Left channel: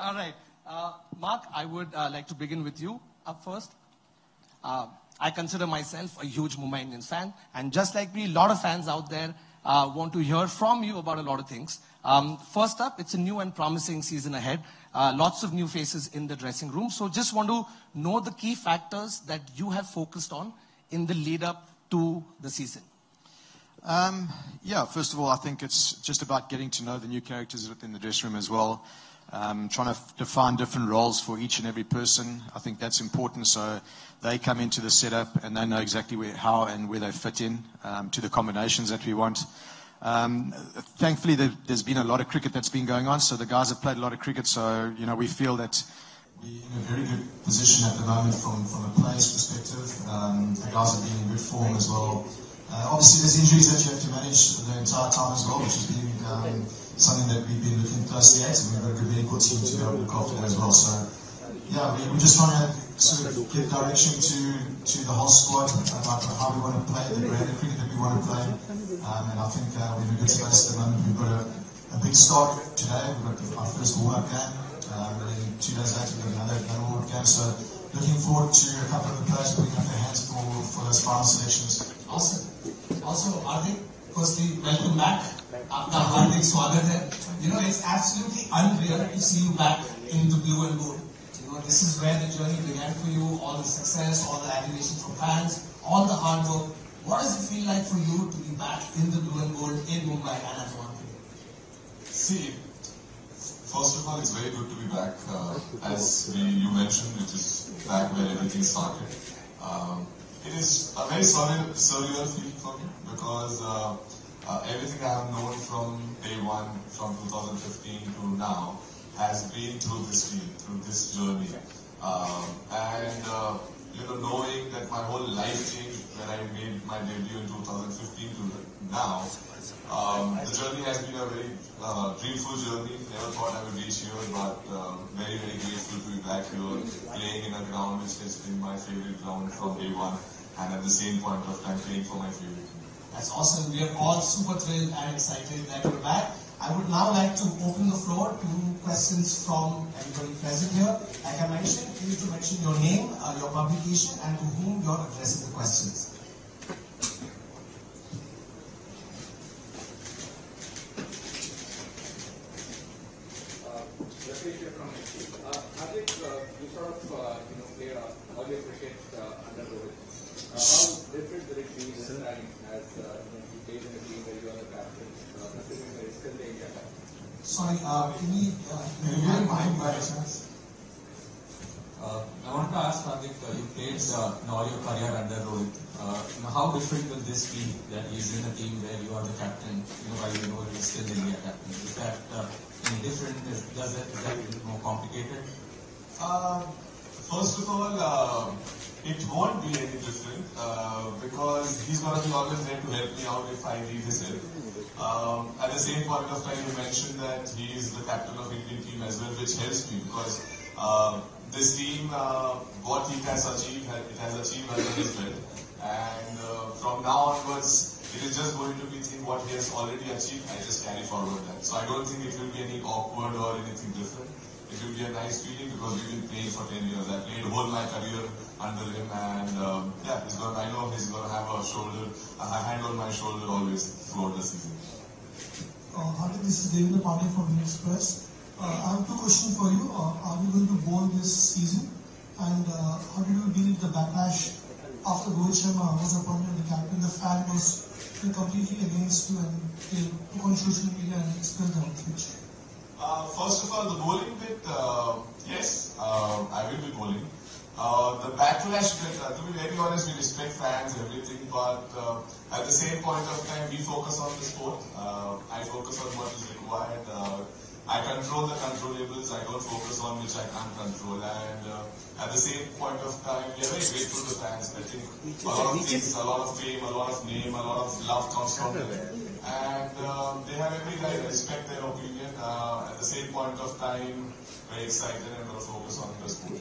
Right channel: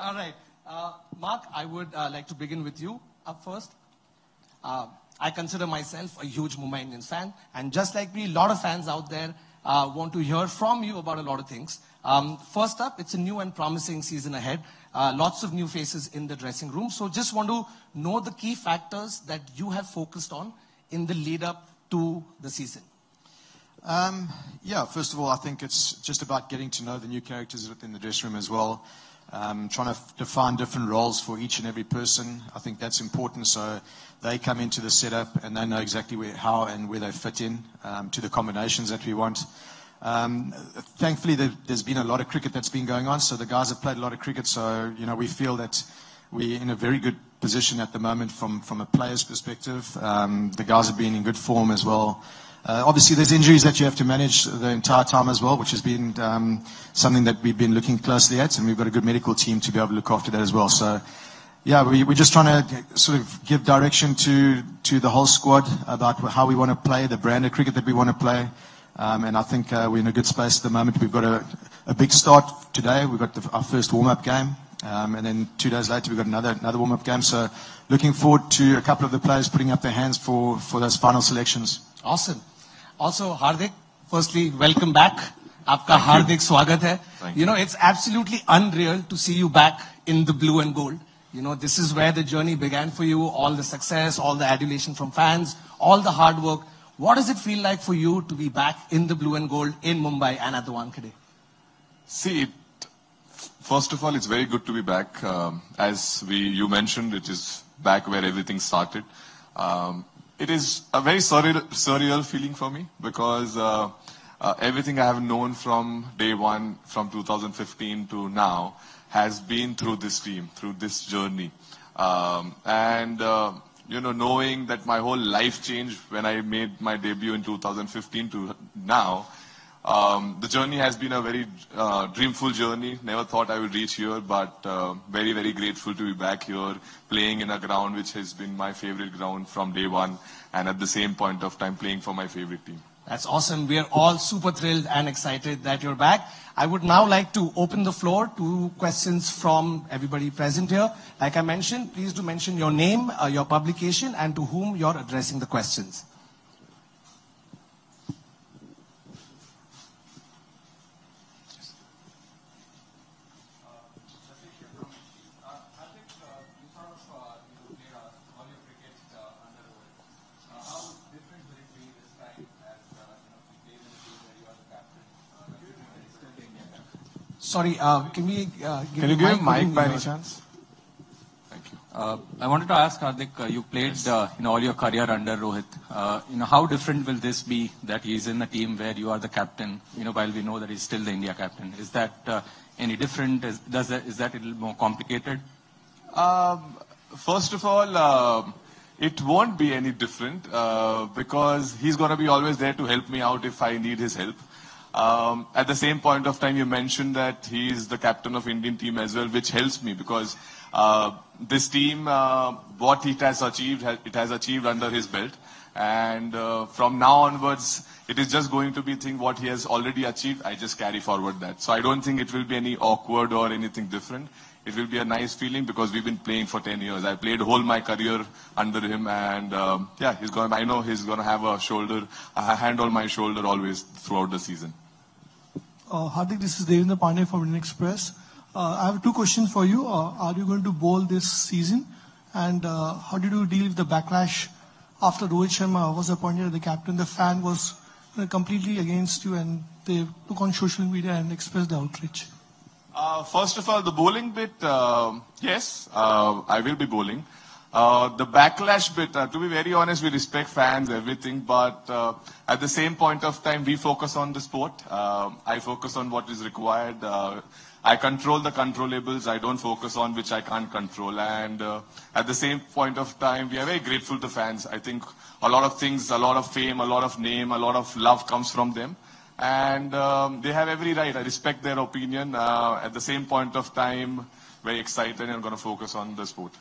All right. Mark, I would like to begin with you up first. I consider myself a huge Mumbai Indians fan. And just like me, a lot of fans out there want to hear from you about a lot of things. First up, it's a new and promising season ahead. Lots of new faces in the dressing room. So just want to know the key factors that you have focused on in the lead up to the season. Yeah, first of all, I think it's just about getting to know the new characters within the dressing room as well. Trying to define different roles for each and every person. I think that's important, so they come into the setup and they know exactly how and where they fit in to the combinations that we want. Thankfully, there's been a lot of cricket that's been going on, so the guys have played a lot of cricket, so we feel that we're in a very good position at the moment from a player's perspective. The guys have been in good form as well. Obviously, there's injuries that you have to manage the entire time as well, which has been something that we've been looking closely at, and we've got a good medical team to be able to look after that as well. So, yeah, we're just trying to sort of give direction to the whole squad about how we want to play, the brand of cricket that we want to play, and I think we're in a good space at the moment. We've got a big start today. We've got our first warm-up game, and then 2 days later we've got another warm-up game. So, looking forward to a couple of the players putting up their hands for those final selections. Awesome. Also, Hardik, firstly, welcome back. Aapka Hardik Swagat hai. It's absolutely unreal to see you back in the blue and gold. This is where the journey began for you, all the success, all the adulation from fans, all the hard work. What does it feel like for you to be back in the blue and gold in Mumbai and at the Wankhede? See, first of all, it's very good to be back. As you mentioned, it is back where everything started. It is a very surreal feeling for me because everything I have known from day one, from 2015 to now, has been through this team, through this journey. Knowing that my whole life changed when I made my debut in 2015 to now, the journey has been a very dreamful journey. Never thought I would reach here, but very, very grateful to be back here, playing in a ground which has been my favorite ground from day one, and at the same point of time playing for my favorite team. That's awesome. We are all super thrilled and excited that you're back. I would now like to open the floor to questions from everybody present here. Like I mentioned, please do mention your name, your publication, and to whom you're addressing the questions. Hardik, you sort of play all your cricket under Rohit. How different will it be this time as you play in a team where you are the captain, considering that it's still the India captain? Sorry, can you give a mic by any chance? I wanted to ask Hardik, you played all your career under Rohit. How different will this be that he's in the team where you are the captain? While we know that he's still the India captain, is that any different? Is that a little more complicated? First of all, it won't be any different because he's going to be always there to help me out if I need his help. At the same point of time, you mentioned that he is the captain of Indian team as well, which helps me because this team, what it has achieved under his belt, and from now onwards, it is just going to be what he has already achieved. I just carry forward that. So I don't think it will be any awkward or anything different. It will be a nice feeling because we've been playing for 10 years. I played whole my career under him, and I know he's going to have a hand on my shoulder always throughout the season. Hardik, this is Rohit Pandya from Indian Express. I have two questions for you. Are you going to bowl this season? And how did you deal with the backlash after Rohit Sharma was appointed as the captain? The fan was completely against you, and they took on social media and expressed their outrage. First of all, the bowling bit, yes, I will be bowling. The backlash bit, to be very honest, we respect fans, everything, but at the same point of time, we focus on the sport. I focus on what is required. I control the controllables. I don't focus on which I can't control. And at the same point of time, we are very grateful to fans. I think a lot of things, a lot of fame, a lot of name, a lot of love comes from them. And they have every right. I respect their opinion. At the same point of time, very excited and I'm going to focus on the sport.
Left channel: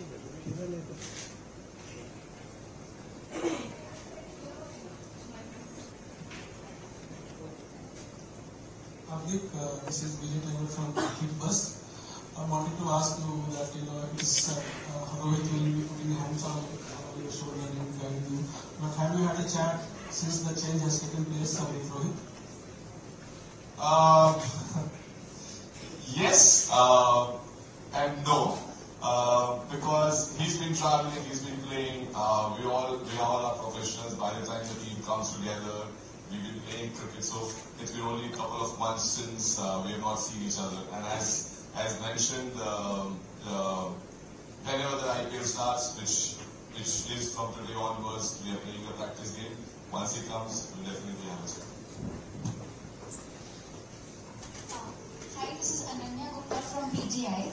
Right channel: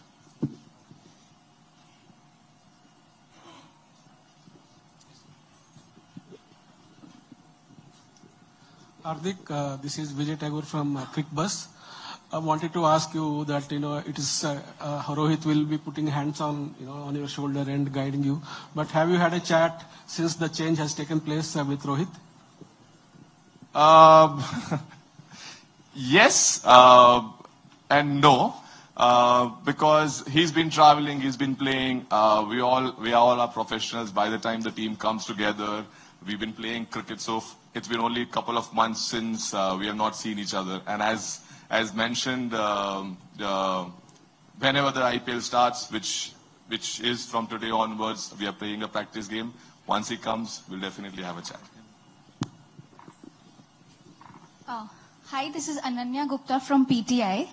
Hardik, this is Vijay Tagore from Quick Bus. I wanted to ask you that, it is Rohit will be putting hands on, on your shoulder and guiding you. But have you had a chat since the change has taken place with Rohit? Yes and no, because he's been traveling, he's been playing. We all are professionals. By the time the team comes together, we've been playing cricket, so it's been only a couple of months since we have not seen each other. And as mentioned, whenever the IPL starts, which is from today onwards, we are playing a practice game. Once he comes, we'll definitely have a chat. Hi, this is Ananya Gupta from PTI.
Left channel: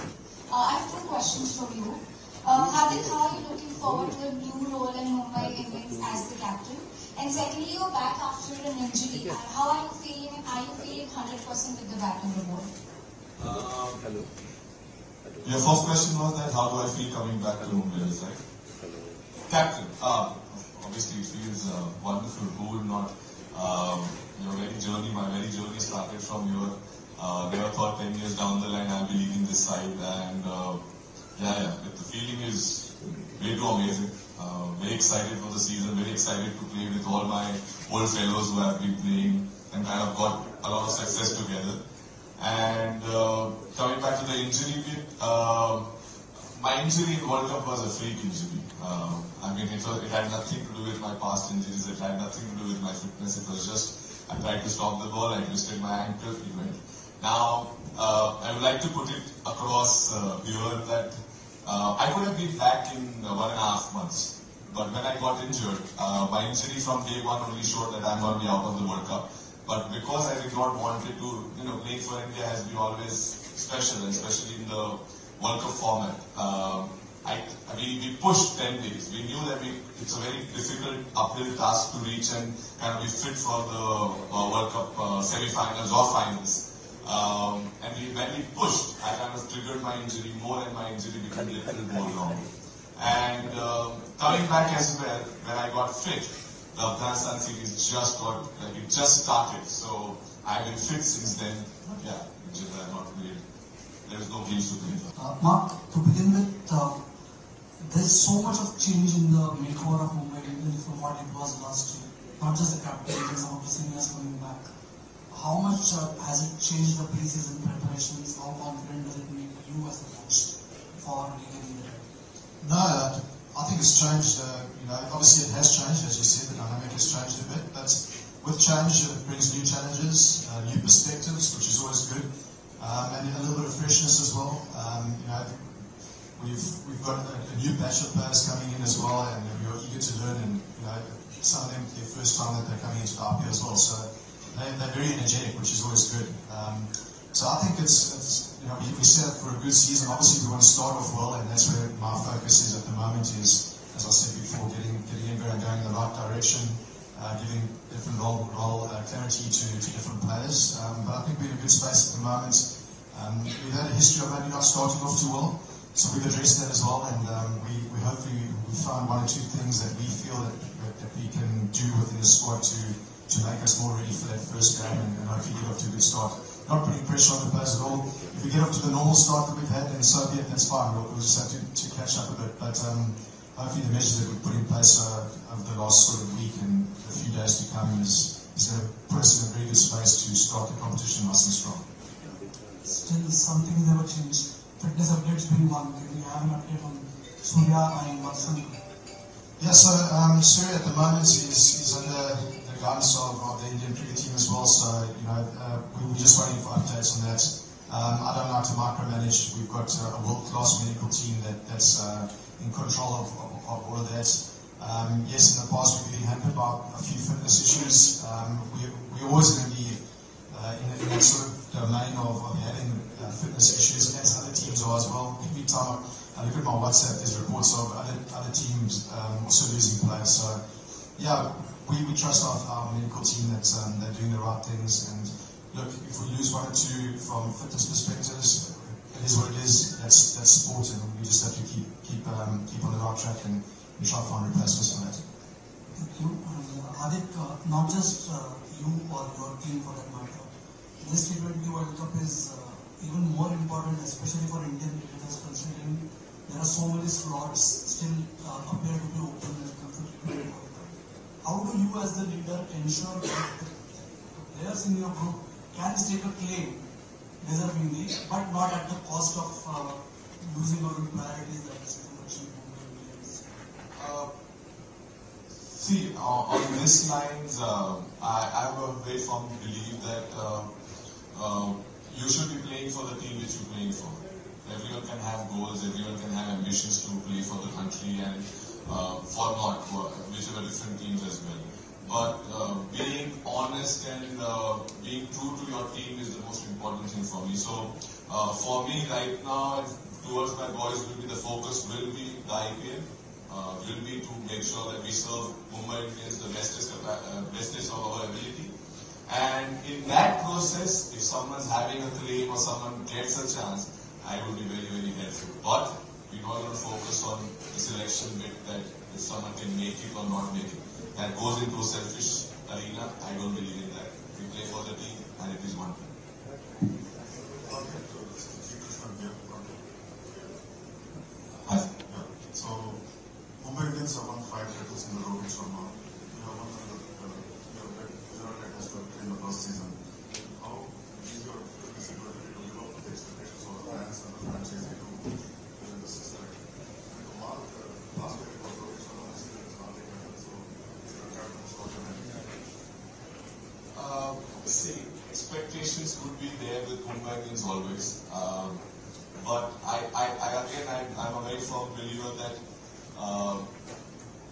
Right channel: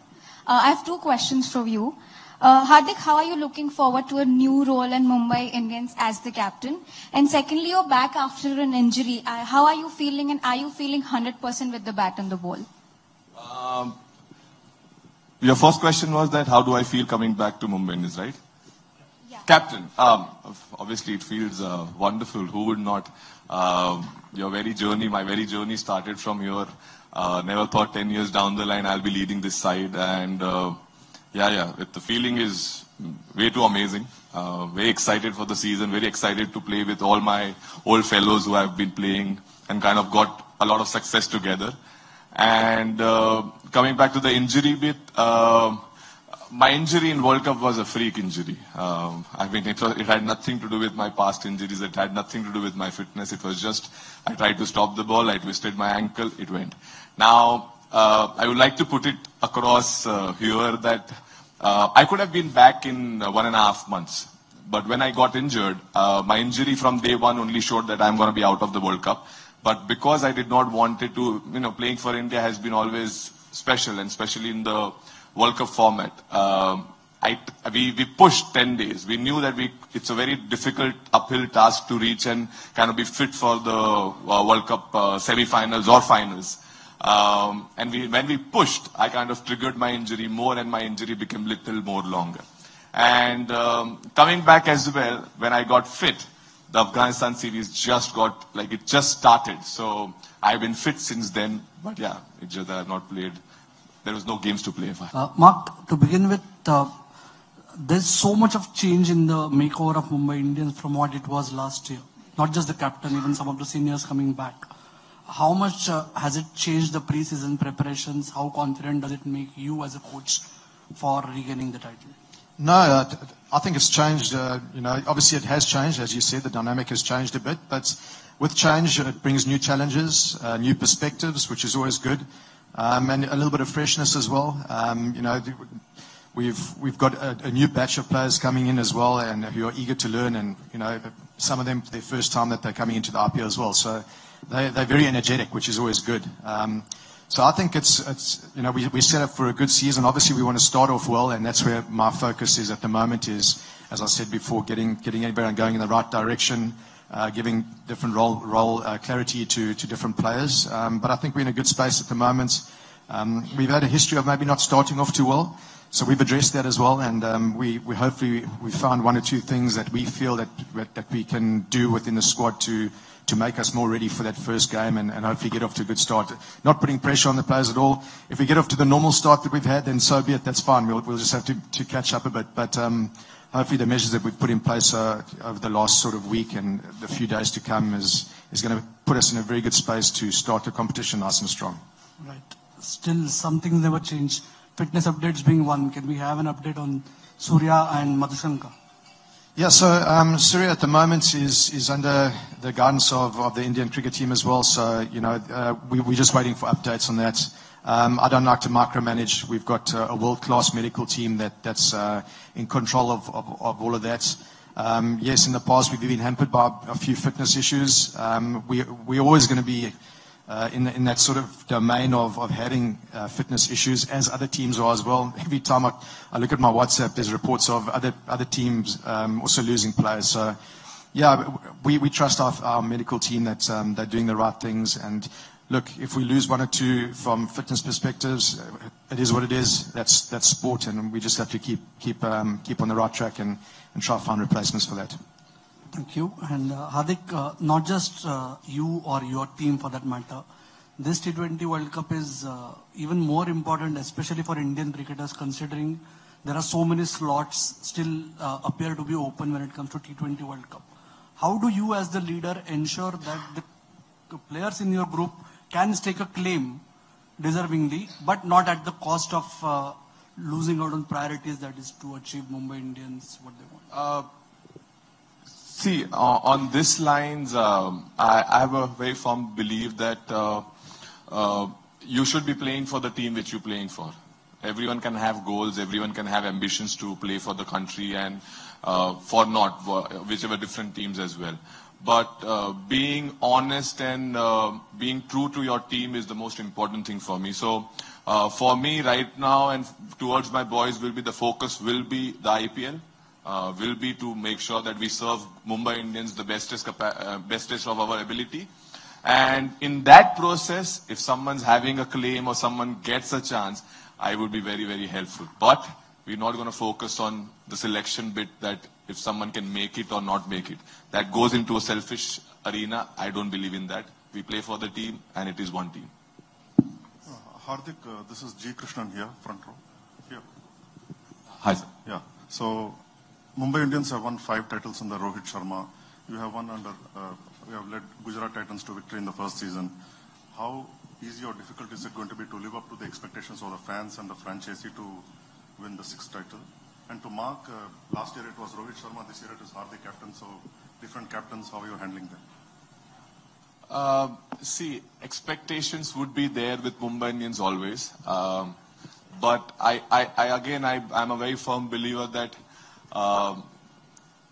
I have two questions for you. Hardik, how are you looking forward to a new role in Mumbai Indians as the captain? And secondly, you're back after an injury. How are you feeling, and are you feeling 100% with the bat and the ball? Your first question was that how do I feel coming back to Mumbai Indians, right? Yeah. Captain, obviously it feels wonderful. Who would not? My very journey started from here. Never thought 10 years down the line I'll be leading this side, and the feeling is way too amazing. Very excited for the season, very excited to play with all my old fellows who have been playing and kind of got a lot of success together. And coming back to the injury bit, my injury in World Cup was a freak injury. It had nothing to do with my past injuries, it had nothing to do with my fitness. It was just, I tried to stop the ball, I twisted my ankle, it went. Now, I would like to put it across here that I could have been back in 1.5 months. But when I got injured, my injury from day one only showed that I'm going to be out of the World Cup. But because I did not want it to, playing for India has been always special, and especially in the World Cup format. We pushed 10 days. We knew that it's a very difficult uphill task to reach and kind of be fit for the World Cup semi-finals or finals. When we pushed, I kind of triggered my injury more, and my injury became a little more longer. And coming back as well, when I got fit, the Afghanistan series just started. So I've been fit since then. But yeah, it's just that I've not played. There was no games to play. Mark, to begin with, there's so much of change in the makeover of Mumbai Indians from what it was last year. Not just the captain, even some of the seniors coming back. How much has it changed the pre-season preparations? How confident does it make you as a coach for regaining the title? No, I think it's changed. Obviously it has changed, as you said. The dynamic has changed a bit, but with change it brings new challenges, new perspectives, which is always good, and a little bit of freshness as well. We've got a new batch of players coming in as well, and who are eager to learn. And some of them their first time that they're coming into the IPL as well. So they're very energetic, which is always good. So I think we set up for a good season. Obviously, we want to start off well, and that's where my focus is at the moment. Is, as I said before, getting everyone going in the right direction, giving different role clarity to different players. But I think we're in a good space at the moment. We've had a history of maybe not starting off too well, so we've addressed that as well. And we hopefully found one or two things that we feel that we can do within the squad to make us more ready for that first game, and hopefully get off to a good start. Not putting pressure on the players at all. If we get off to the normal start that we've had, then so be it, that's fine. We'll just have to catch up a bit. But hopefully the measures that we've put in place over the last sort of week and the few days to come is going to put us in a very good space to start the competition nice and strong. Right. Still, some things never changed. Fitness updates being one. Can we have an update on Surya and Madhusankar? Yeah, so Surya at the moment is under the guidance of the Indian cricket team as well. So, we're just waiting for updates on that. I don't like to micromanage. We've got a world-class medical team that's in control of all of that. Yes, in the past we've been hampered by a few fitness issues. We're always going to be in that sort of domain of having fitness issues, as other teams are as well. Every time I look at my WhatsApp, there's reports of other teams also losing players. So, yeah, we trust our medical team that they're doing the right things. And look, if we lose one or two from fitness perspectives, it is what it is. That's sport, and we just have to keep on the right track and try to find replacements for that. Thank you. And Hardik, not just you or your team for that matter, this T20 World Cup is even more important, especially for Indian cricketers, considering there are so many slots still appear to be open when it comes to T20 World Cup. How do you as the leader ensure that the players in your group can stake a claim deservingly, but not at the cost of losing out on priorities, that is to achieve Mumbai Indians? See, on this lines, I have a very firm belief that you should be playing for the team which you're playing for. Everyone can have goals, everyone can have ambitions to play for the country and for whichever different teams as well. But being honest and being true to your team is the most important thing for me. So for me right now and towards my boys, the focus will be the IPL, will be to make sure that we serve Mumbai Indians the bestest of our ability. And in that process, if someone's having a claim or someone gets a chance, I would be very, very helpful. But we're not going to focus on the selection bit, that if someone can make it or not make it. That goes into a selfish arena. I don't believe in that. We play for the team and it is one team. Hardik, this is G. Krishnan here, front row. Here. Hi. Yeah. So, Mumbai Indians have won 5 titles under Rohit Sharma. You have you have led Gujarat Titans to victory in the first season. How easy or difficult is it going to be to live up to the expectations of the fans and the franchisee to win the 6th title? And to Mark, last year it was Rohit Sharma, this year it is Hardik captain, so different captains, how are you handling that? See, expectations would be there with Mumbai Indians always. But I'm a very firm believer that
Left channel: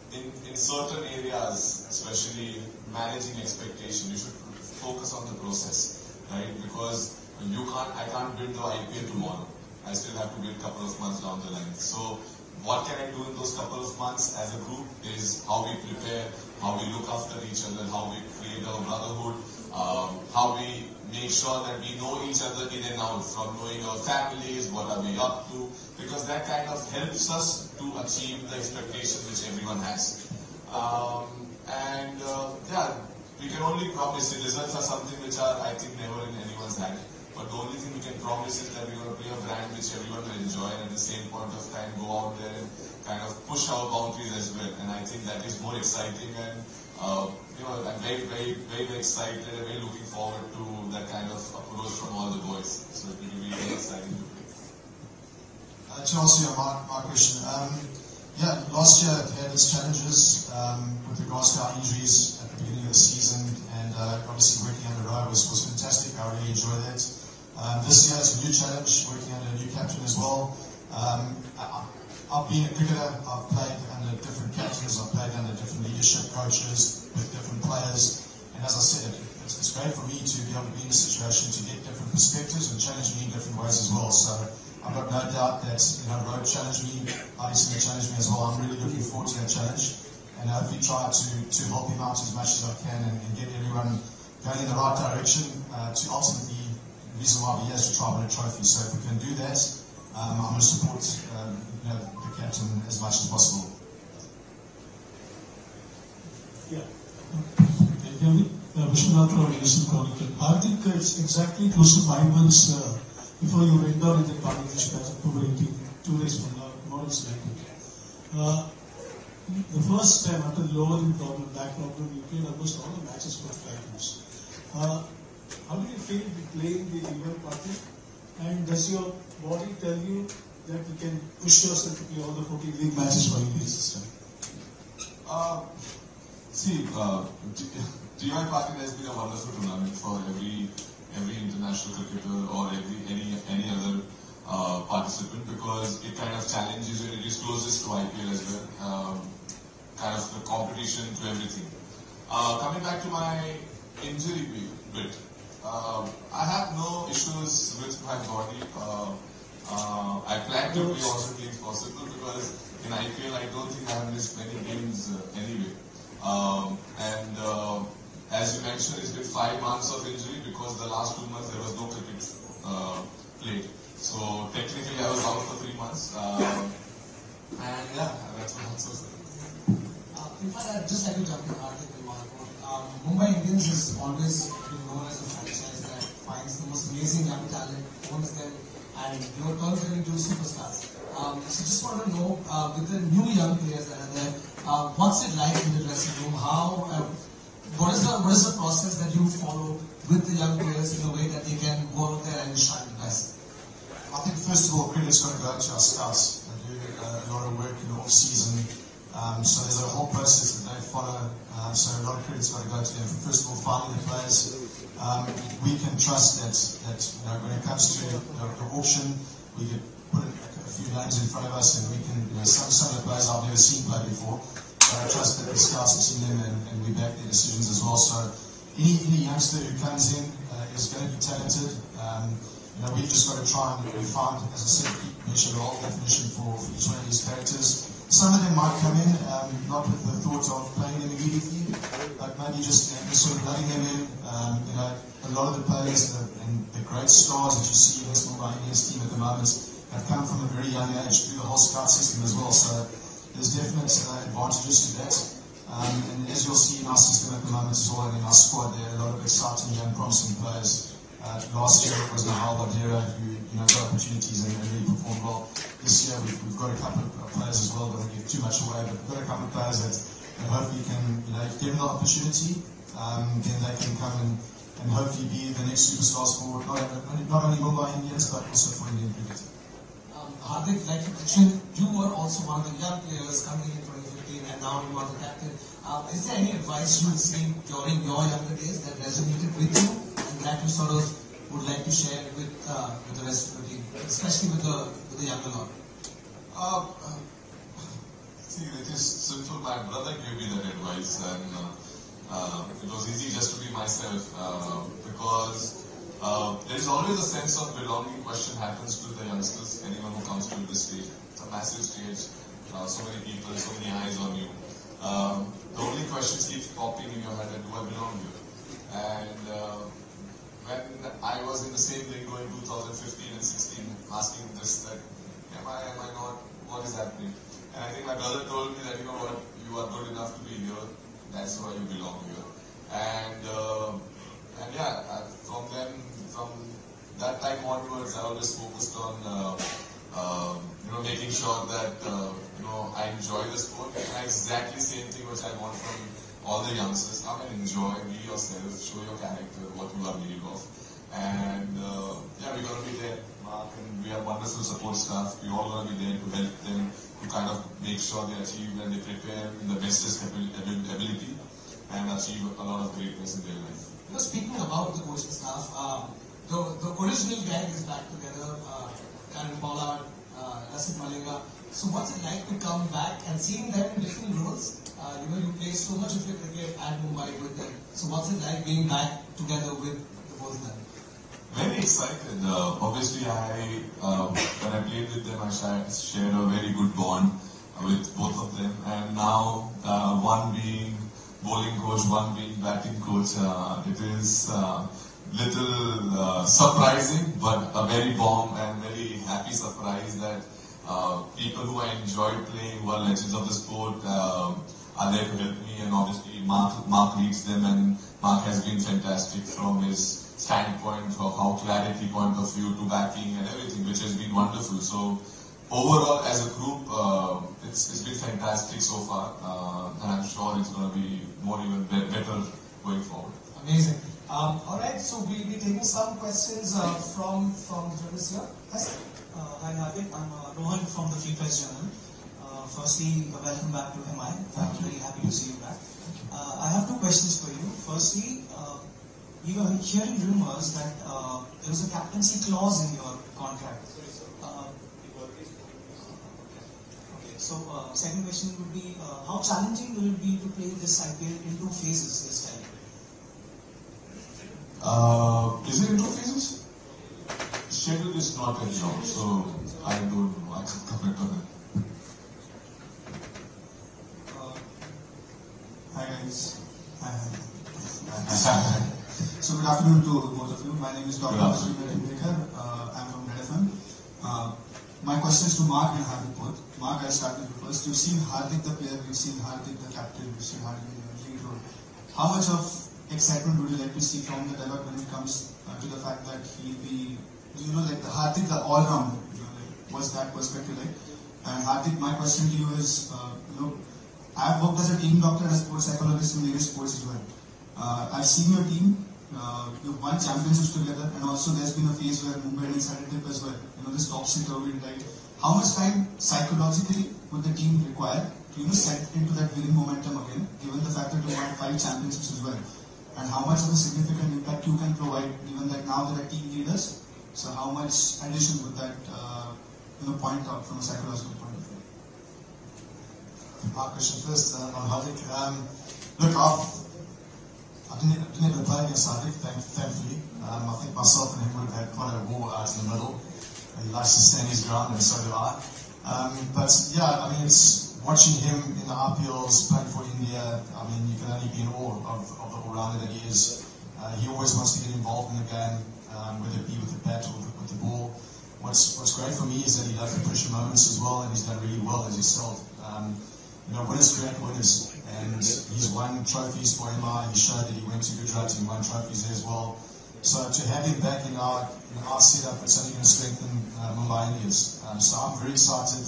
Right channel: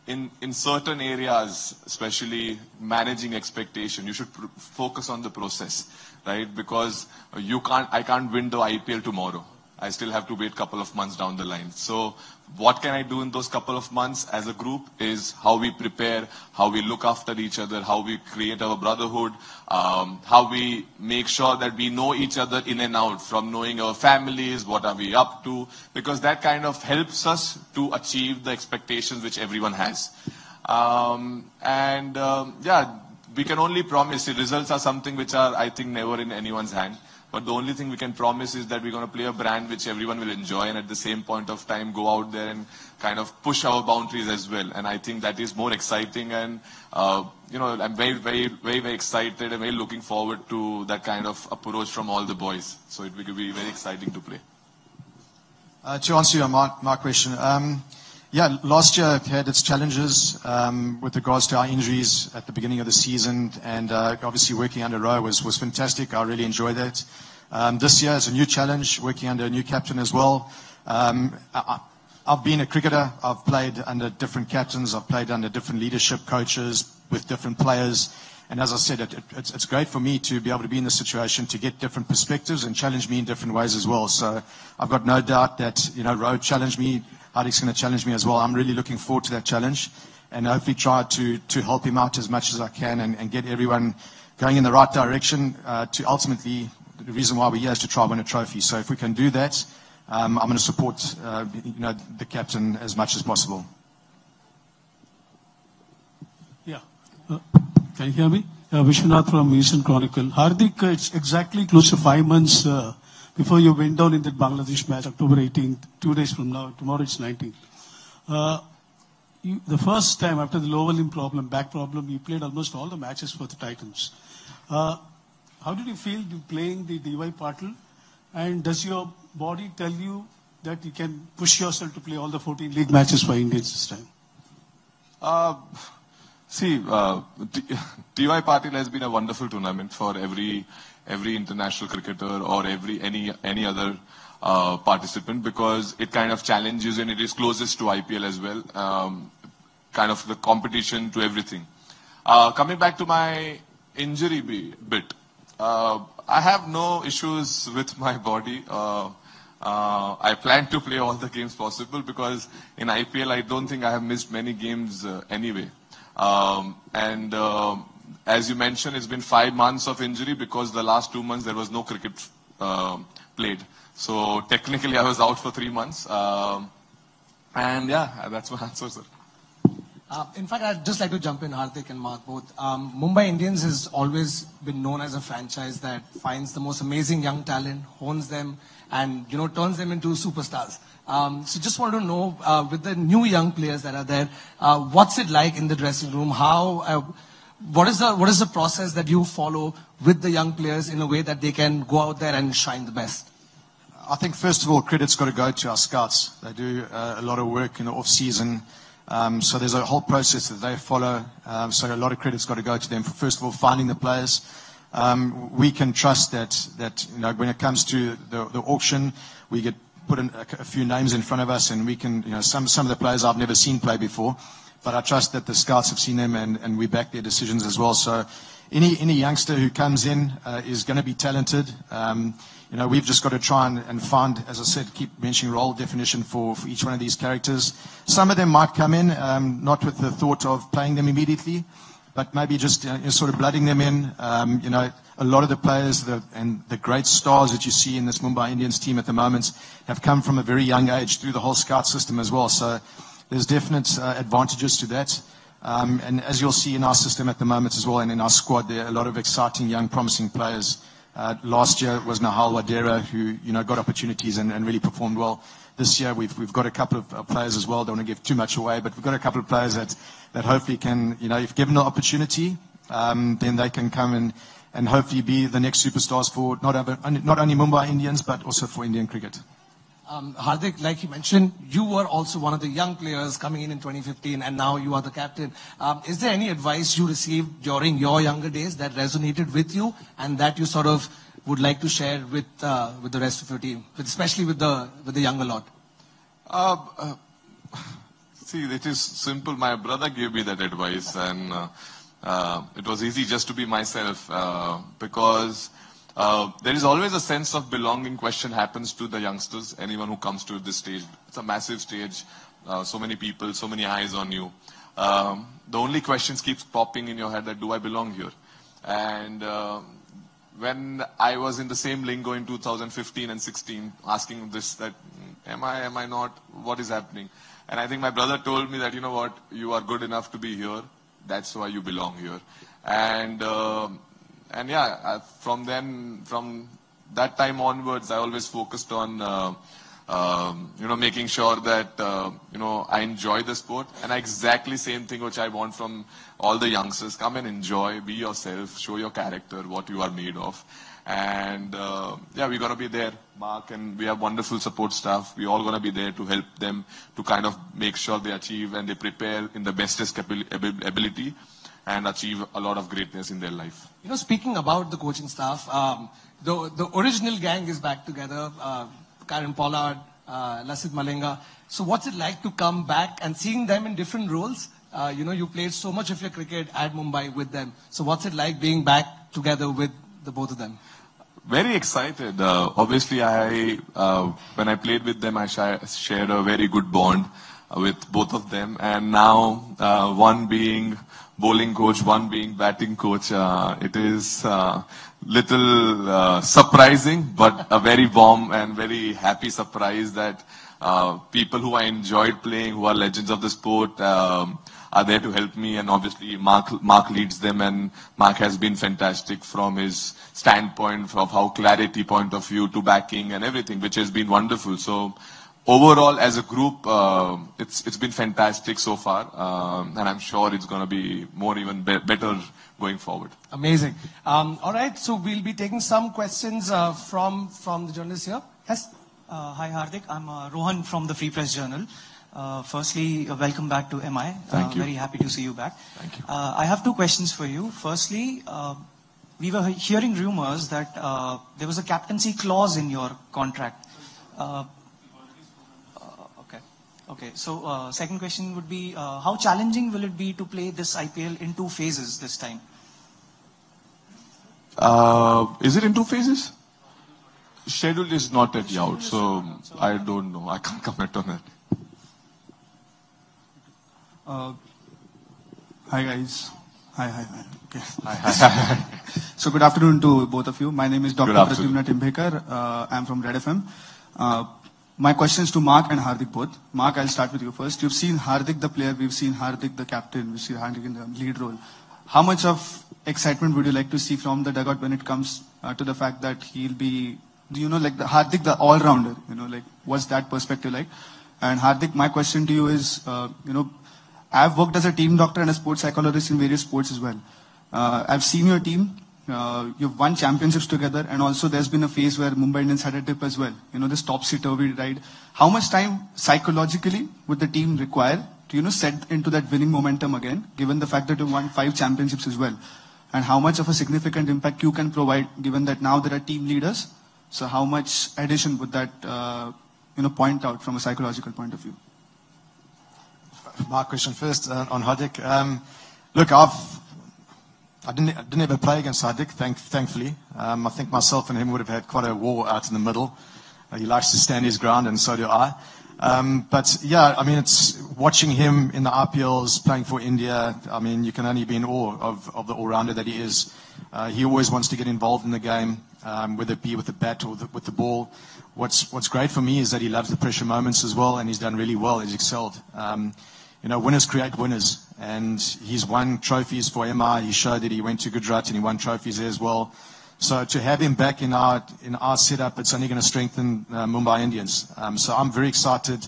in certain areas, especially managing expectation, you should focus on the process, right? Because I can't win the IPL tomorrow. I still have to wait a couple of months down the line. So what can I do in those couple of months as a group is how we prepare, how we look after each other, how we create our brotherhood, how we make sure that we know each other in and out, from knowing our families, what are we up to, because that kind of helps us to achieve the expectations which everyone has. We can only promise. The results are something which are, I think, never in anyone's hand. But the only thing we can promise is that we're going to play a brand which everyone will enjoy, and at the same point of time go out there and kind of push our boundaries as well. And I think that is more exciting, and I'm very, very, very, very excited and very looking forward to that kind of approach from all the boys. So it will be very exciting to play. To answer your Mark question, last year had its challenges with regards to our injuries at the beginning of the season, and obviously working under Roh was fantastic. I really enjoyed that. This year is a new challenge, working under a new captain as well. I've been a cricketer. I've played under different captains. I've played under different leadership coaches with different players. And as I said, it's great for me to be able to be in this situation, to get different perspectives and challenge me in different ways as well. So I've got no doubt that, Roh challenged me. Hardik's going to challenge me as well. I'm really looking forward to that challenge, and hopefully try to help him out as much as I can, and get everyone going in the right direction to ultimately, the reason why we're here is to try and win a trophy. So if we can do that, I'm going to support the captain as much as possible. Yeah. Can you hear me? Vishwanath from Asian Chronicle. Hardik, it's exactly close to 5 months before you went down in the Bangladesh match, October 18, 2 days from now. Tomorrow it's 19. The first time after the lower limb problem, back problem, you played almost all the matches for the Titans. How did you feel playing the DY partner? And does your body tell you that you can push yourself to play all the 14 league matches for Indians this time? DY Patil has been a wonderful tournament for every international cricketer or any other participant, because it kind of challenges you, and it is closest to IPL as well. Kind of the competition to everything. Coming back to my injury bit, I have no issues with my body. I plan to play all the games possible, because in IPL I don't think I have missed many games anyway. As you mentioned, it's been 5 months of injury, because the last 2 months there was no cricket played. So technically I was out for 3 months. That's what answers it. In fact, I'd just like to jump in, Hardik and Mark both. Mumbai Indians has always been known as a franchise that finds the most amazing young talent, owns them, and turns them into superstars. So just want to know, with the new young players that are there, what's it like in the dressing room? What is the process that you follow with the young players in a way that they can go out there and shine the best? I think first of all, credit's got to go to our scouts. They do a lot of work in the off season. So there's a whole process that they follow. So a lot of credit's got to go to them. First of all, finding the players. We can trust that when it comes to the auction, we get put in a few names in front of us, and we can some of the players I've never seen play before, but I trust that the scouts have seen them, and we back their decisions as well. So any youngster who comes in is going to be talented. We've just got to try and find, as I said, keep mentioning role definition for each one of these characters. Some of them might come in not with the thought of playing them immediately, but maybe just sort of blooding them in. A lot of the players and the great stars that you see in this Mumbai Indians team at the moment have come from a very young age through the whole scout system as well. So there's definite advantages to that. And as you'll see in our system at the moment as well, and in our squad, there are a lot of exciting, young, promising players. Last year it was Nahal Wadera who got opportunities and really performed well. This year we've got a couple of players as well. Don't want to give too much away, but we've got a couple of players that hopefully can, if given the opportunity, then they can come and hopefully be the next superstars for not only Mumbai Indians but also for Indian cricket. Hardik, like you mentioned, you were also one of the young players coming in 2015, and now you are the captain. Is there any advice you received during your younger days that resonated with you, and that you sort of would like to share with the rest of your team, especially with the younger lot? See, it is simple. My brother gave me that advice, and it was easy just to be myself because. There is always a sense of belonging question happens to the youngsters, anyone who comes to this stage. It's a massive stage, so many people, so many eyes on you. The only questions keeps popping in your head that do I belong here? And when I was in the same lingo in 2015 and 16, asking this that am I not, what is happening? And I think my brother told me that you are good enough to be here, that's why you belong here. And yeah, from that time onwards, I always focused on, making sure that, I enjoy the sport. And exactly same thing which I want from all the youngsters. Come and enjoy, be yourself, show your character, what you are made of. And yeah, we're going to be there, Mark, and we have wonderful support staff. We're all going to be there to help them to kind of make sure they achieve and they prepare in the bestest ability and achieve a lot of greatness in their life. Speaking about the coaching staff, the original gang is back together. Karen Pollard, Lassit Malinga. So what's it like to come back and seeing them in different roles? You played so much of your cricket at Mumbai with them. So what's it like being back together with the both of them? Very excited. Obviously, when I played with them, I shared a very good bond with both of them. And now, one being bowling coach, one being batting coach, it is little surprising, but a very warm and very happy surprise that people who I enjoyed playing, who are legends of the sport, are there to help me. And obviously Mark leads them, and Mark has been fantastic from his standpoint of how clarity point of view to backing and everything, which has been wonderful. So overall, as a group, it's been fantastic so far, and I'm sure it's going to be more even better going forward. Amazing. All right, so we'll be taking some questions from the journalists here. Yes. Hi Hardik, I'm Rohan from the Free Press Journal. Firstly, welcome back to MI. Thank you. Very happy to see you back. Thank you. I have two questions for you. Firstly, we were hearing rumors that there was a captaincy clause in your contract. Okay. So second question would be, how challenging will it be to play this IPL in two phases this time? Is it in two phases? Schedule is not yet out, so I don't know. I can't comment on it. Hi guys. Hi. Okay. Hi. So good afternoon to both of you. My name is Dr. Good afternoon. Pradyumna Timbhekar. I'm from Red FM. My question is to Mark and Hardik both. Mark, I'll start with you first. You've seen Hardik the player, we've seen Hardik the captain, we've seen Hardik in the lead role. How much of excitement would you like to see from the dugout when it comes to the fact that he'll be, like the Hardik, the all-rounder, like what's that perspective like? And Hardik, my question to you is, I've worked as a team doctor and a sports psychologist in various sports as well. I've seen your team. You've won championships together, and also there's been a phase where Mumbai Indians had a dip as well. This topsy-turvy ride. How much time psychologically would the team require to set into that winning momentum again, given the fact that you won 5 championships as well? And how much of a significant impact you can provide, given that now there are team leaders? So how much addition would that point out from a psychological point of view? My question first on Hardik. Look, I didn't ever play against Hardik, thankfully. I think myself and him would have had quite a war out in the middle. He likes to stand his ground, and so do I. But yeah, I mean, it's watching him in the IPLs, playing for India. I mean, you can only be in awe of the all-rounder that he is. He always wants to get involved in the game, whether it be with the bat or with the ball. What's great for me is that he loves the pressure moments as well, and he's done really well. He's excelled. Winners create winners, and he's won trophies for MI. He showed that he went to Gujarat and he won trophies there as well. So to have him back in our setup, it's only going to strengthen Mumbai Indians. So I'm very excited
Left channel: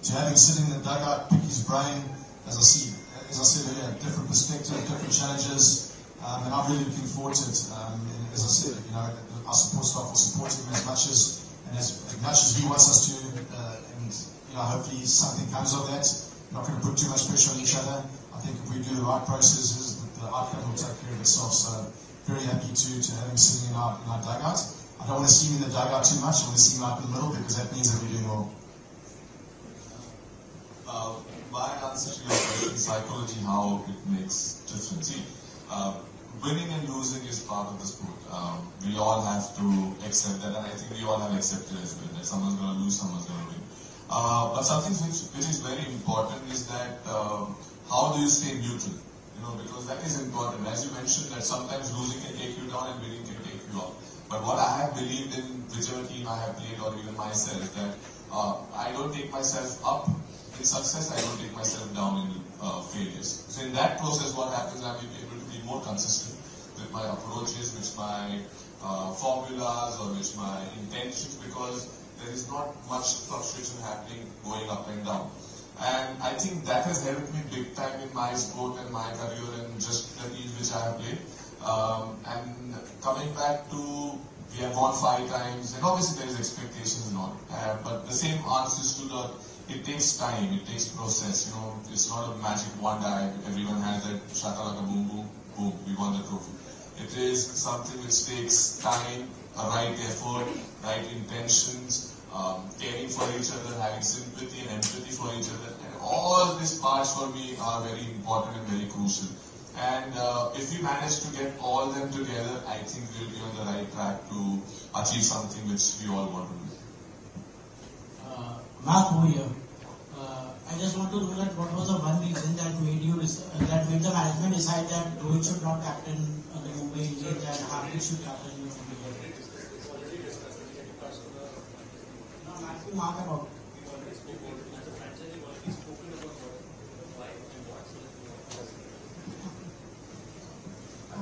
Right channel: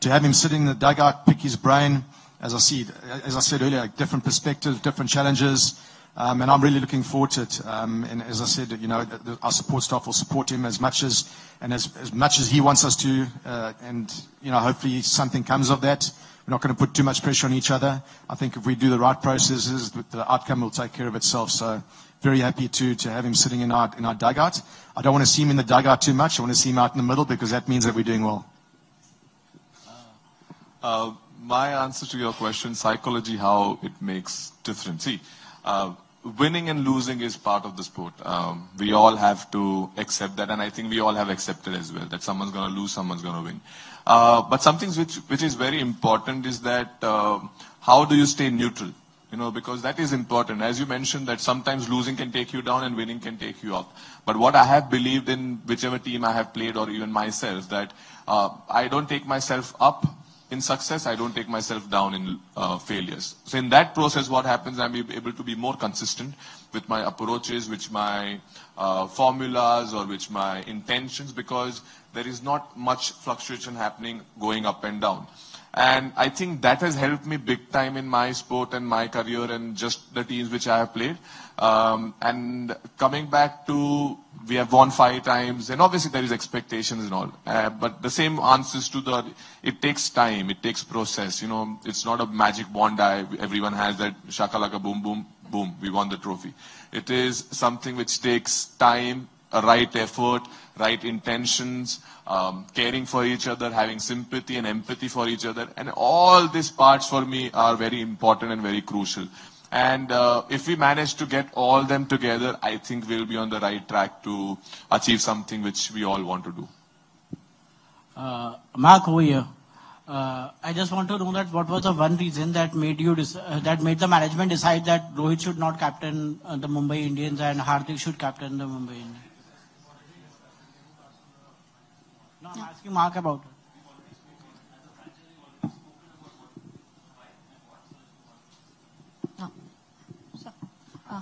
to have him sitting in the dugout, pick his brain. As I said earlier, different perspectives, different challenges, and I'm really looking forward to it. And as I said, our support staff will support him as much as he wants us to, and hopefully something comes of that. We're not going to put too much pressure on each other. I think if we do the right processes, the outcome will take care of itself. So very happy to have him sitting in our dugout. I don't want to see him in the dugout too much. I want to see him out in the middle, because that means that we're doing well. My answer to your question, psychology, how it makes difference. See, winning and losing is part of the sport. We all have to accept that, and I think we all have accepted as well, that someone's going to lose, someone's going to win. But something which is very important is that how do you stay neutral? Because that is important. As you mentioned, that sometimes losing can take you down and winning can take you up. But what I have believed in whichever team I have played, or even myself, that I don't take myself up in success, I don't take myself down in failures. So in that process, what happens, I'm able to be more consistent with my approaches, with my formulas, or with my intentions, because there is not much fluctuation happening going up and down. And I think that has helped me big time in my sport and my career and just the teams which I have played. And coming back to, we have won 5 times, and obviously there is expectations and all. But the same answers to it takes time, it takes process. It's not a magic wand. Everyone has that shakalaka boom, boom, boom, we won the trophy. It is something which takes time, a right effort, right intentions, caring for each other, having sympathy and empathy for each other. And all these parts for me are very important and very crucial. And if we manage to get all them together, I think we'll be on the right track to achieve something which we all want to do. Mark, over here. I just want to know that what was the one reason that made the management decide that Rohit should not captain the Mumbai Indians and Hardik should captain the Mumbai Indians? Mark about.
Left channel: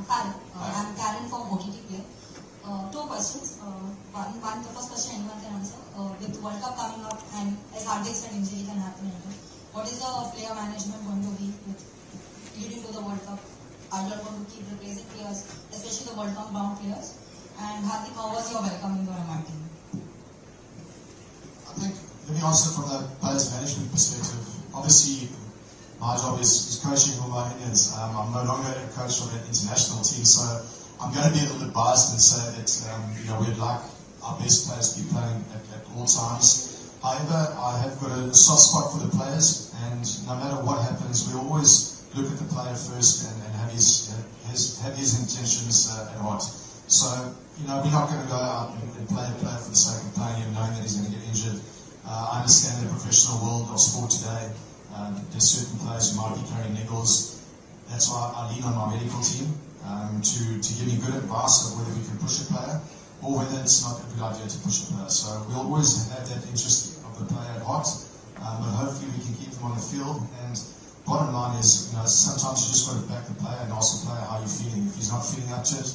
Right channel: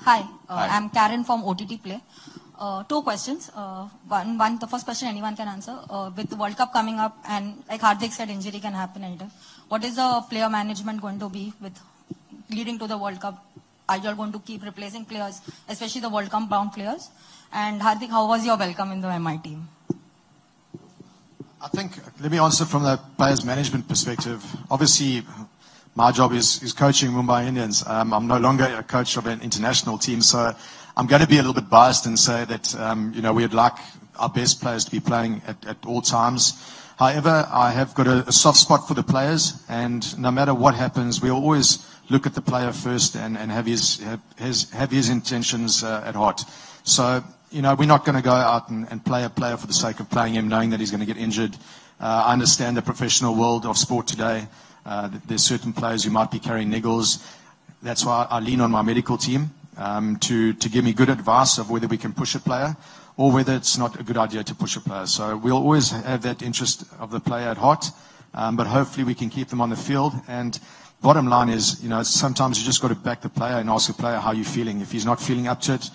Hi, I'm Karen from OTT Play. 2 questions. One, the first question anyone can answer. With the World Cup coming up, and like Hardik said, injury can happen anytime. What is the player management going to be with leading to the World Cup? Are you all going to keep replacing players, especially the World Cup bound players? And Hardik, how was your welcome in the MI team? I think, let me answer from the players' management perspective. Obviously, my job is coaching Mumbai Indians. I'm no longer a coach of an international team, so I'm going to be a little bit biased and say that we'd like our best players to be playing at all times. However, I have got a soft spot for the players, and no matter what happens, we always look at the player first and have his intentions at heart. So, we're not going to go out and play a player for the sake of playing him, knowing that he's going to get injured. I understand the professional world of sport today. There's certain players who might be carrying niggles. That's why I lean on my medical team to give me good advice of whether we can push a player or whether it's not a good idea to push a player. So we'll always have that interest of the player at heart, but hopefully we can keep them on the field. And bottom line is, sometimes you just got to back the player and ask the player how you're feeling. If he's not feeling up to it,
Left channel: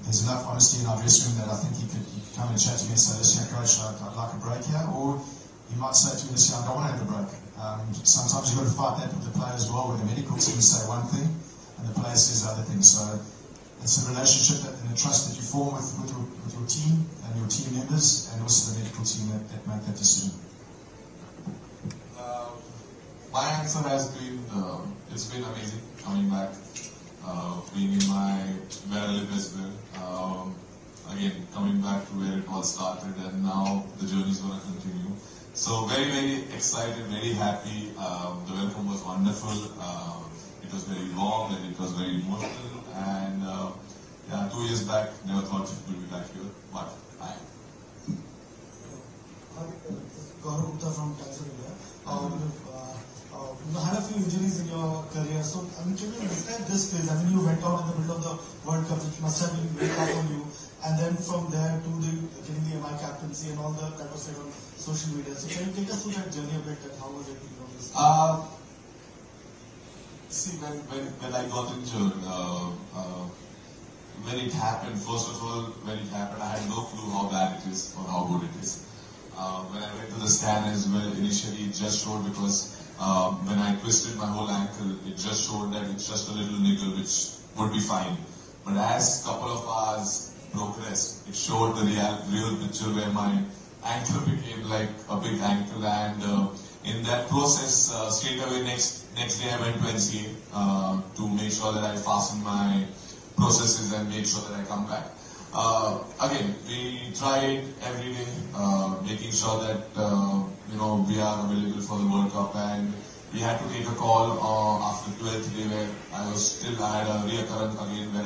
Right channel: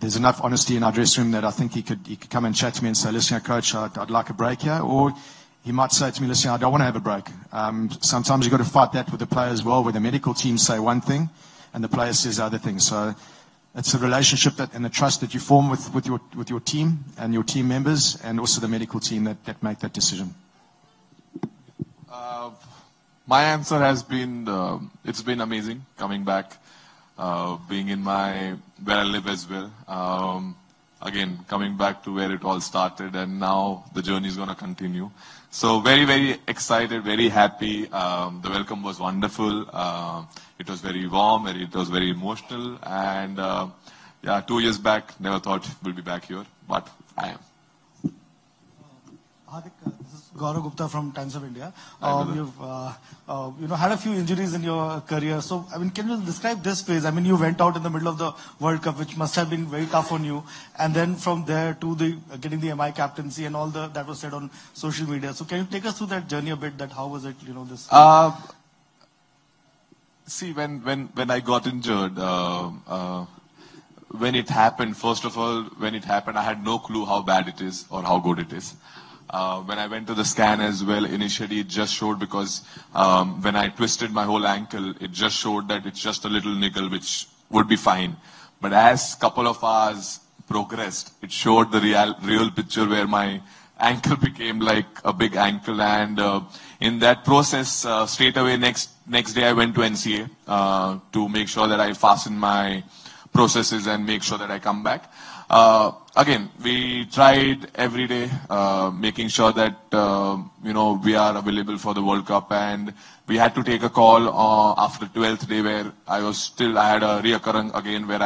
there's enough honesty in our dressing room that I think he could come and chat to me and say, listen, coach, I'd like a break here. Or he might say to me, listen, I don't want to have a break. Sometimes you've got to fight that with the player as well, where the medical team say one thing and the player says the other thing. So it's a relationship and the trust that you form with your team and your team members, and also the medical team that make that decision. My answer has been, it's been amazing coming back, being in where I live as well. Again, coming back to where it all started, and now the journey is going to continue. So very, very excited, very happy. The welcome was wonderful. It was very warm, it was very emotional, and yeah, 2 years back, never thought we'll be back here, but I am. Gaurav Gupta from Times of India. You've had a few injuries in your career. So, can you describe this phase? You went out in the middle of the World Cup, which must have been very tough on you. And then from there to getting the MI captaincy and all that was said on social media. So, can you take us through that journey a bit? That how was it? This. See, when I got injured, when it happened, first of all, when it happened, I had no clue how bad it is or how good it is. When I went to the scan as well, initially it just showed because when I twisted my whole ankle, it just showed that it's just a little niggle, which would be fine. But as a couple of hours progressed, it showed the real picture where my ankle became like a big ankle. And in that process, straight away next day I went to NCA to make sure that I fasten my processes and make sure that I come back. Again, we tried every day, making sure that we are available for the World Cup, and we had to take a call after 12th day where I had a reoccurrence again where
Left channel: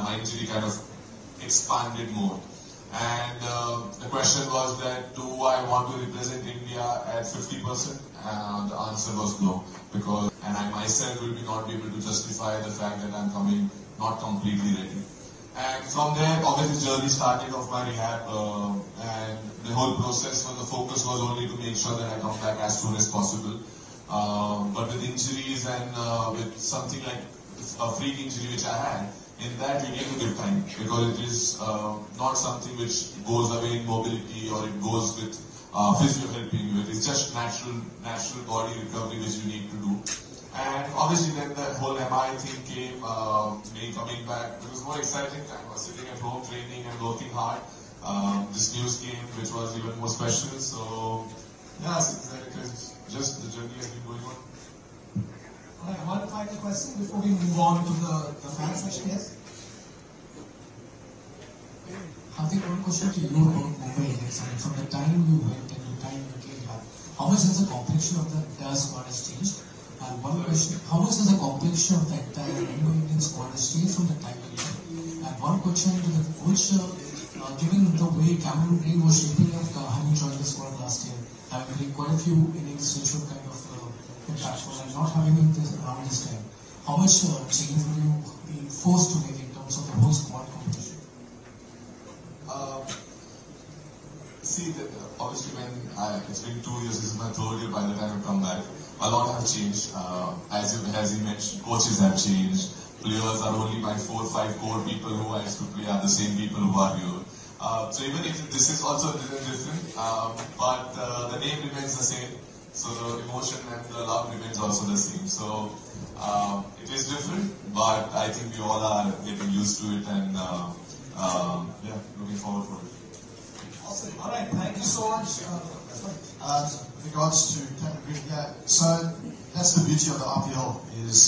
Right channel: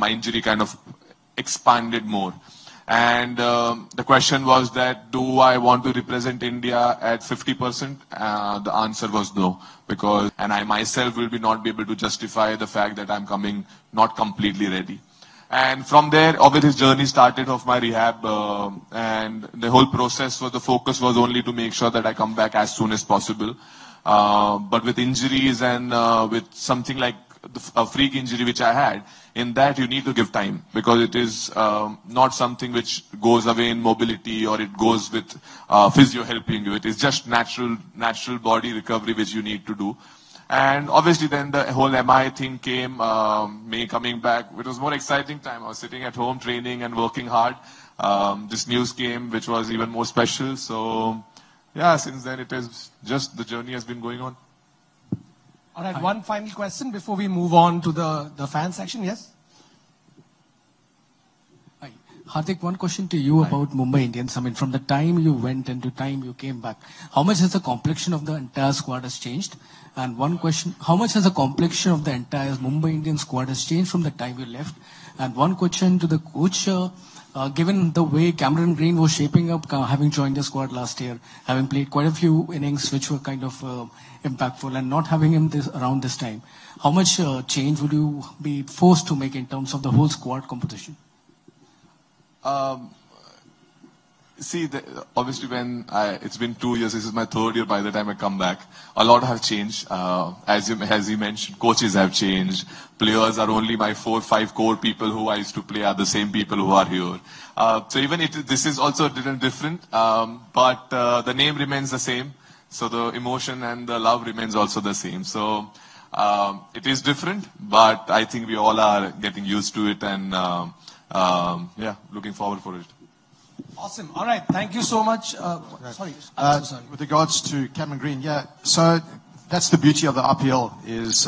my injury kind of expanded more. And the question was that, do I want to represent India at 50%? The answer was no, and I myself will not be able to justify the fact that I'm coming not completely ready. And from there, obviously, journey started of my rehab, and the whole process the focus was only to make sure that I come back as soon as possible. But with injuries and with something like a freak injury which I had, in that you need to give time, because it is not something which goes away in mobility or it goes with physio helping you. It is just natural body recovery which you need to do. And obviously then the whole MI thing came, me coming back. It was more exciting time. I was sitting at home training and working hard. This news came, which was even more special. So yeah, since then it is just the journey has been going on. All right, one final question before we move on to the fan section. Yes? Hardik, one question to you about Mumbai Indians. From the time you went and the time you came back, how much has the complexion of the entire squad has changed? And one question, how much has the complexion of the entire Mumbai Indians squad has changed from the time you left? And one question to the coach, given the way Cameron Green was shaping up, having joined the squad last year, having played quite a few innings which were kind of impactful, and not having him around this time, how much change would you be forced to make in terms of the whole squad composition? See, obviously it's been 2 years, this is my third year by the time I come back. A lot have changed. As you mentioned, coaches have changed. Players are only my 4 or 5 core people who I used to play are the same people who are here. So even this is also a little different, but the name remains the same. So the emotion and the love remains also the same. So it is different, but I think we all are getting used to it, and yeah, looking forward for it. Awesome. All right. Thank you so much. Sorry. With regards to Cameron Green, yeah. So that's the beauty of the IPL is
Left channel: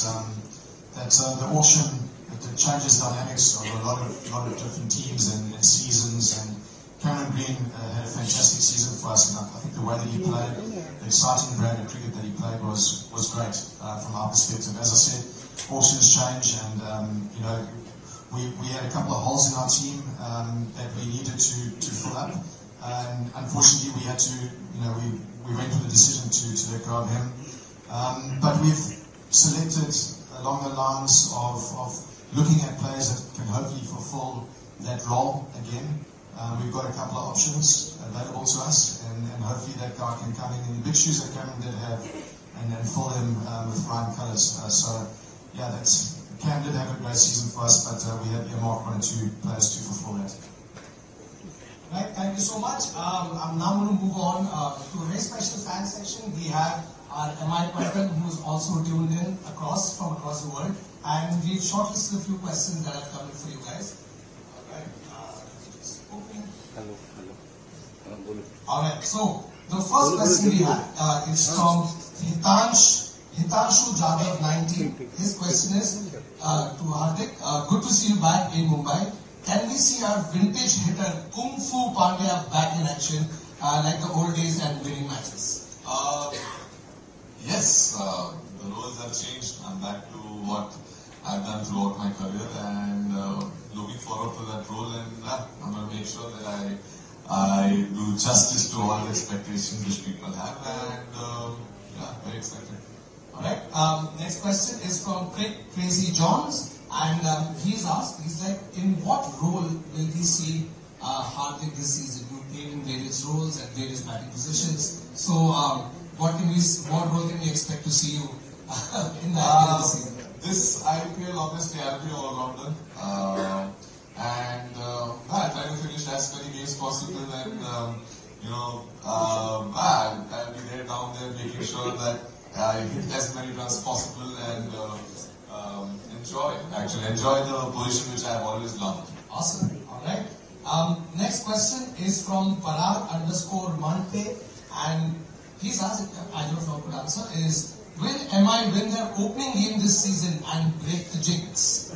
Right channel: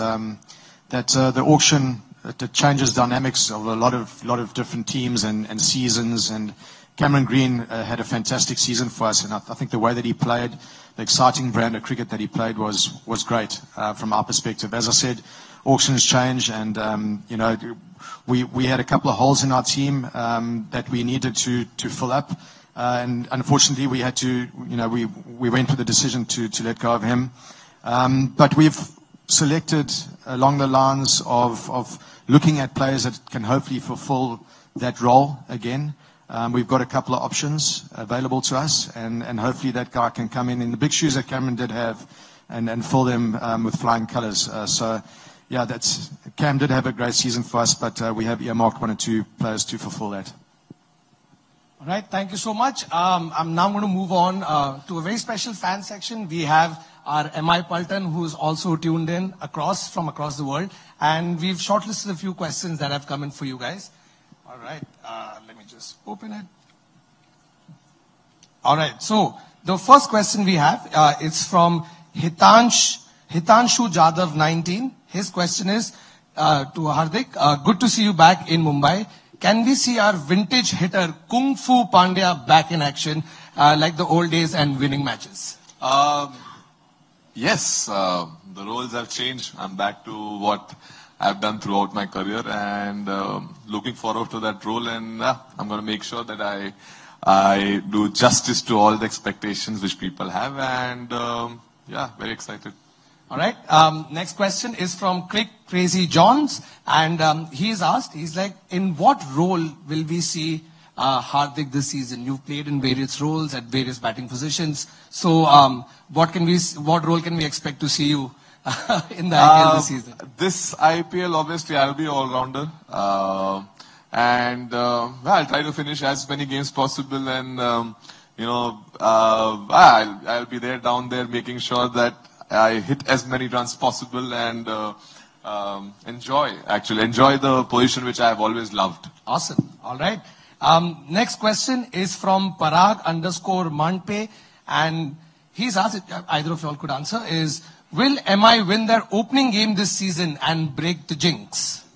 that the auction it changes dynamics of a lot of different teams and seasons. And Cameron Green had a fantastic season for us, and I think the way that he played, the exciting brand of cricket that he played was great from our perspective. As I said, auctions change, and we had a couple of holes in our team that we needed to fill up, and unfortunately we had to, we went for the decision to let go of him. But we've selected along the lines of looking at players that can hopefully fulfill that role again. We've got a couple of options available to us, and hopefully that guy can come in the big shoes that Cameron did have and fill them with flying colours. So, yeah, Cam did have a great season for us, but we have earmarked 1 or 2 players to fulfill that. All right, thank you so much. I'm now going to move on to a very special fan section. We have our MI Paltan, who's also tuned in from across the world. And we've shortlisted a few questions that have come in for you guys. All right, let me just open it. All right, so the first question we have, it's from Hitanshu Jadhav 19. His question is to Hardik, good to see you back in Mumbai. Can we see our vintage hitter Kung Fu Pandya back in action like the old days and winning matches? Yes, the roles have changed. I'm back to what I've done throughout my career, and looking forward to that role, and I'm going to make sure that I do justice to all the expectations which people have, and yeah, very excited. All right, next question is from Crazy Johns, and he's asked, he's like, in what role will we see Hardik this season? You've played in various roles at various batting positions, so what role can we expect to see you in the IPL this season? This IPL, obviously, I'll be all-rounder. And I'll try to finish as many games possible. And, I'll be there, down there, making sure that I hit as many runs possible and enjoy the position which I've always loved. Awesome. All right. Next question is from Parag_Manpe. And he's asked, either of you all could answer, is, will MI win their opening game this season and break the jinx?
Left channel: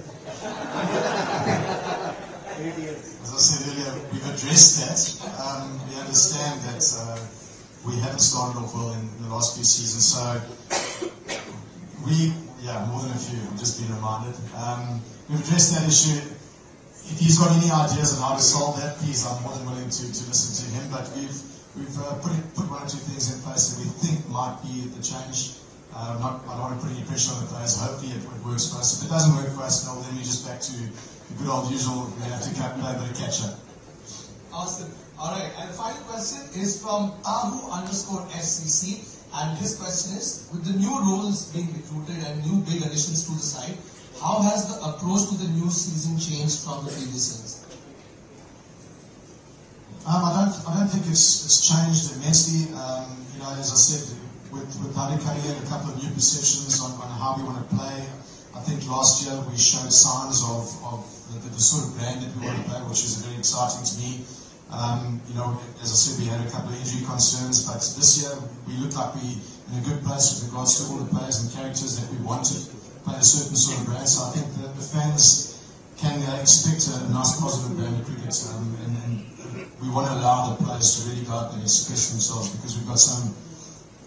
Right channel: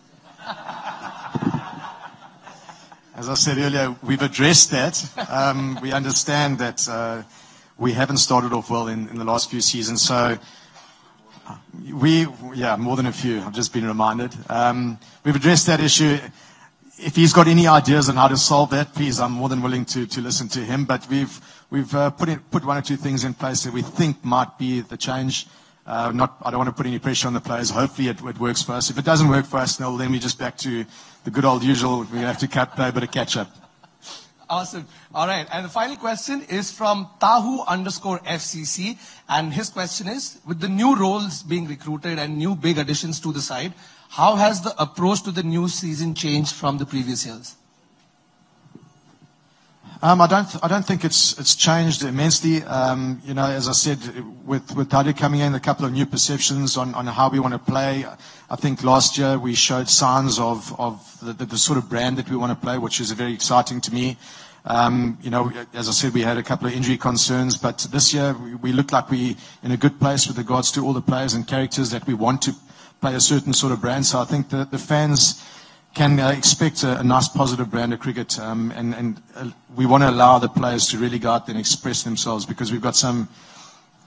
As I said earlier, we've addressed that. We understand that we haven't started off well in the last few seasons. So more than a few. I've just been reminded. We've addressed that issue. If he's got any ideas on how to solve that, please, I'm more than willing to listen to him. But we've put 1 or 2 things in place that we think might be the change. I don't want to put any pressure on the players. Hopefully it works for us. If it doesn't work for us, then we're just back to the good old usual. We have to play a bit of catch up. Awesome. All right. And the final question is from Tahu_FCC. And his question is, with the new roles being recruited and new big additions to the side, how has the approach to the new season changed from the previous years? I don't think it's changed immensely. As I said, with Hardik coming in, a couple of new perceptions on how we want to play. I think last year we showed signs of the sort of brand that we want to play, which is very exciting to me. As I said, we had a couple of injury concerns, but this year we look like we're in a good place with regards to all the players and characters that we want to play a certain sort of brand. So I think the fans can expect a nice positive brand of cricket, and we want to allow the players to really go out there and express themselves, because we've got some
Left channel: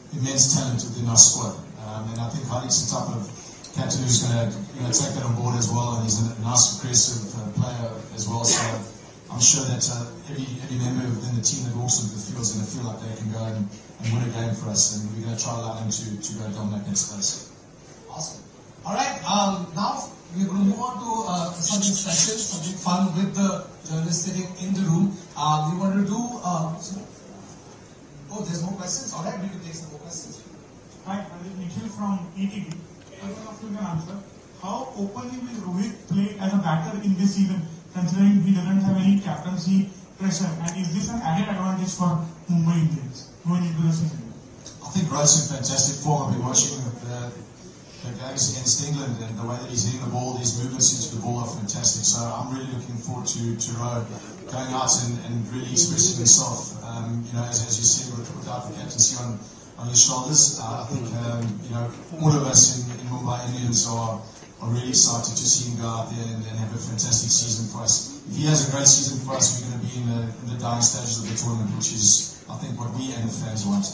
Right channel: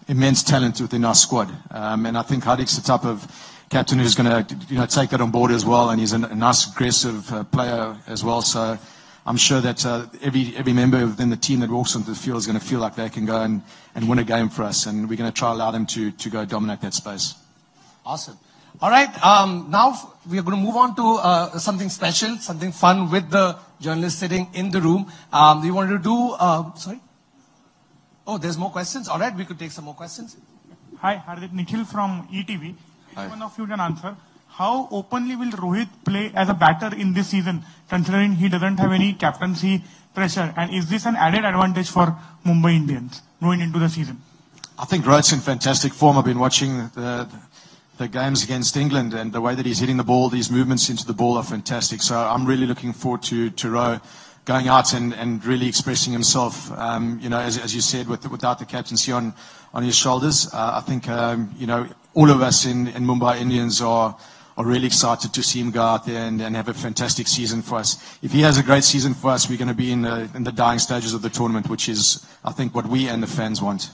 immense talent within our squad, and I think Hardik's the type of captain who's going to take that on board as well, and he's a nice aggressive player as well. So I'm sure that every member within the team that walks onto the field is going to feel like they can go and win a game for us, and we're going to try allow them to go dominate that space. Awesome. All right, now we are going to move on to something special, something fun with the journalists sitting in the room. We wanted to do, sorry? Oh, there's more questions? All right, we could take some more questions. Hi, Hardik, Nikhil from ETV. One of you can answer. How openly will Rohit play as a batter in this season, considering he doesn't have any captaincy pressure? And is this an added advantage for Mumbai Indians going into the season? I think Rohit's in fantastic form. I've been watching the games against England, and the way that he's hitting the ball, these movements into the ball are fantastic. So I'm really looking forward to Rohit going out and really expressing himself. As you said, without the captaincy on his shoulders, I think all of us in Mumbai Indians are really excited to see him go out there and have a fantastic season for us. If he has a great season for us, we're going to be in the dying stages of the tournament, which is, I think, what we and the fans want.